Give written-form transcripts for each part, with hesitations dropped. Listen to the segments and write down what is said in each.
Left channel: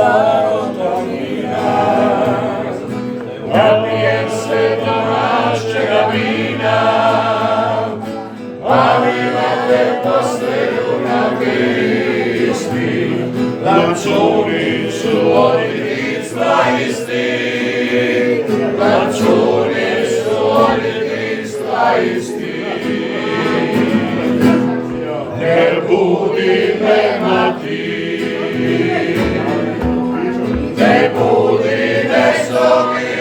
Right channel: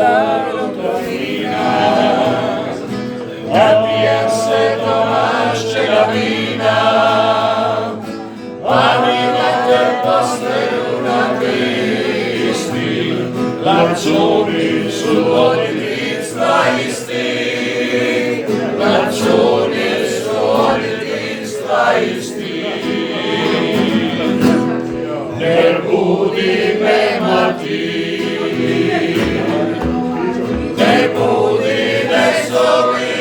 starog vina, napijem se domaćega vina, ali na te postelju na Kristi, lančunicu od djetinjstva isti, lančunicu od djetinjstva isti. Ne budi me mati, ne budi, ne zovi,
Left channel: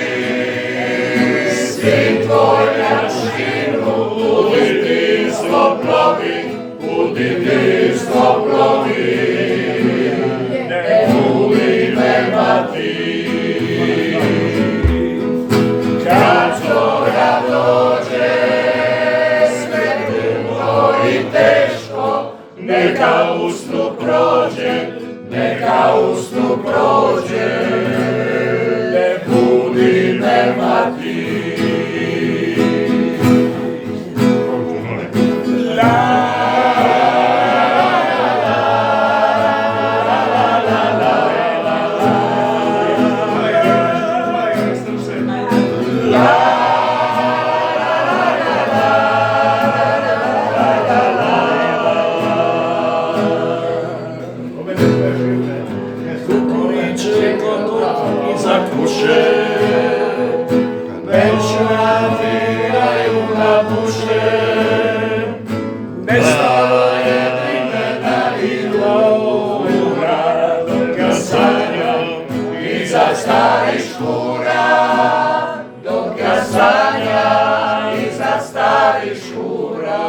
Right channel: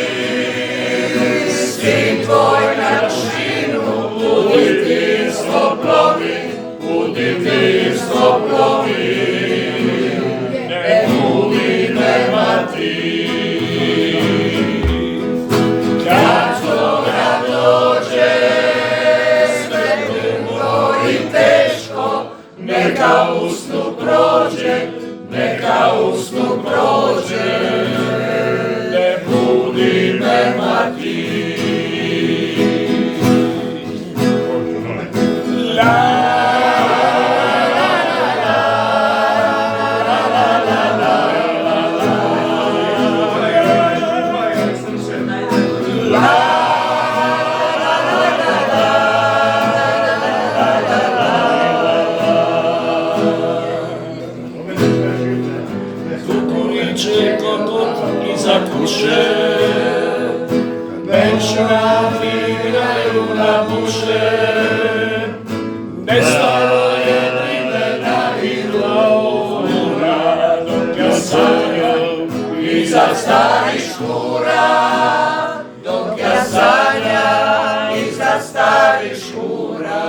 sin tvoj na šinu, u djetinjstvo plovi, u djetinjstvo plovi. Ne budi me mati, kad zora dođe, sve dugo i teško, neka usnu prođe, neka usnu prođe. Ne budi me mati. Kukuriče kokot iza kuće, benčmati igraju na buše, nestalo je vremena i glora, dok ja sanjam iza starih škura, dok ja sanjam iza starih škura.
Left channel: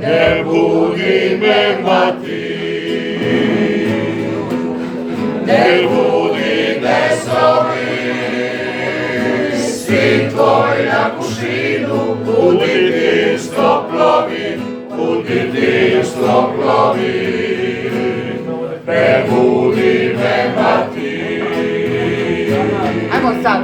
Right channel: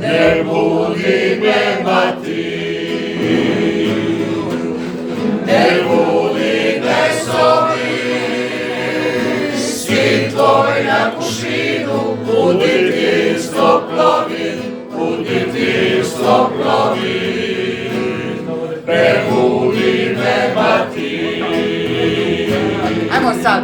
Ne budi me mati, ne budi, ne zovi, sin tvoj na kušinu, u djetinjstvo plovi, u djetinjstvo plovi. Ne budi me mati. Ajmo sad.